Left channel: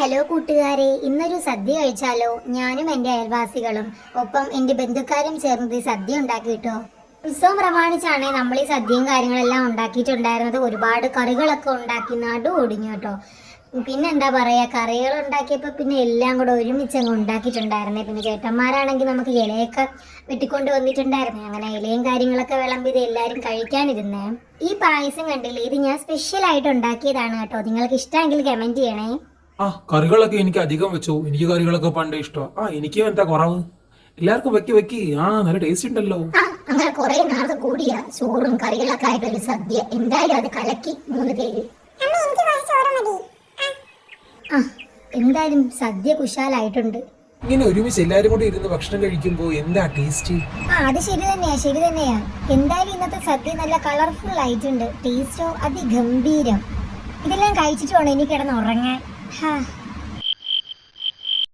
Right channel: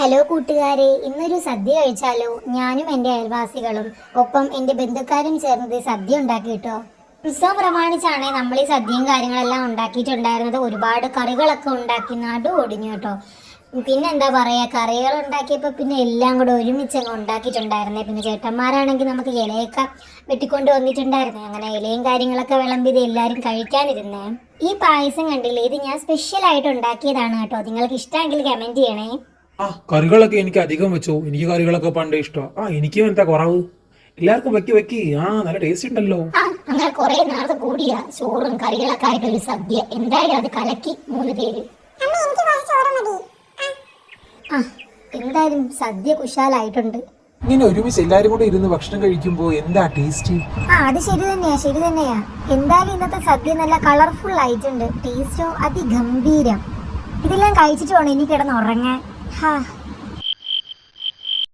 Hello കൂട്ടുകാരെ, ഇന്നൊരു സദ്യ കഴിച്ചാലോ? ഞാനും എൻ്റെ അയൽവാസികളും ഒപ്പം എൻ്റെ ബന്ധുക്കാരും ചേർന്നത് സദ്യ ഉണ്ടാക്കി കേട്ടോ. ഉത്സവം പ്രമാണിച്ചാണ് നമ്മൾ ഈ സദ്യയും കാര്യങ്ങളെല്ലാം ഉണ്ടാക്കിയിട്ടുണ്ടായിരുന്നത്. ഒരുപാട് കറികളൊക്കെ ഉണ്ടാക്കി നടു ഒടിഞ്ഞു കേട്ടോ. പിന്നെ എന്താ പറയാ, കറികൾ ഉണ്ടാക്കിയപ്പോൾ പിന്നെ എല്ലാം കൂടെ ഒരുമിച്ചങ്ങ് ഉണ്ടാക്കിയിട്ടുണ്ടായിരുന്നേ. പിന്നെ ചേട്ടന്മാരാണെങ്കിൽ നമുക്ക് ഇലയൊക്കെ വെട്ടിക്കൊണ്ട് വന്നിട്ടുണ്ടായിരുന്നേ. അങ്ങനെ ഇലയും കാര്യങ്ങളൊക്കെ വിളമ്പിത് എല്ലാവരും കഴിക്കാനിരുന്നേ. ഈ പായസം കണ്ടില്ലേ, ഇത് ഞാൻ സ്പെഷ്യൽ ആയിട്ട് ഉണ്ടാക്കിയതാണ് കേട്ടോ. നിങ്ങൾക്ക് ഇഷ്ടമെങ്കിൽ കമന്റ് ചെയ്യണേ. കറികളൊക്കെ എനിക്ക് അധികം വെച്ചോ. എനിക്ക് കറികളൊക്കെ പണ്ടേ ഇഷ്ടം. എനിക്കും എന്താ കുറവ്. എല്ലാവർക്കും വെക്കി വെക്കി. നല്ല ടേസ്റ്റ് ഉണ്ടല്ലോ. അങ്ങനെ കുറെ നേരത്തെ കൂടിയ ചോറും കറികളൊക്കെ ആയിട്ടൊരു സദ്യ. എന്തായാലും അത് കലക്കി 3 പേര്. എന്തായാലും സദ്യ കുശാലായിട്ടുണ്ട്. ഇങ്ങനെ ഒരുമിച്ച് എല്ലാരും കൂടെ ഇരുന്ന് ഭക്ഷണം കഴിക്കുമ്പോ എന്താ ടേസ്റ്റ്. അത് ശരി തന്നെയാ. എന്തായാലും ഇന്നത്തെ സദ്യ നല്ല കളർഫുൾ ആയിട്ടുണ്ട്. ടേസ്റ്റോ അതിഗംഭീരം. ഇതെല്ലാം കഴിച്ചിട്ട് വേണം എനിക്ക് കിടന്ന് ഉറങ്ങാൻ.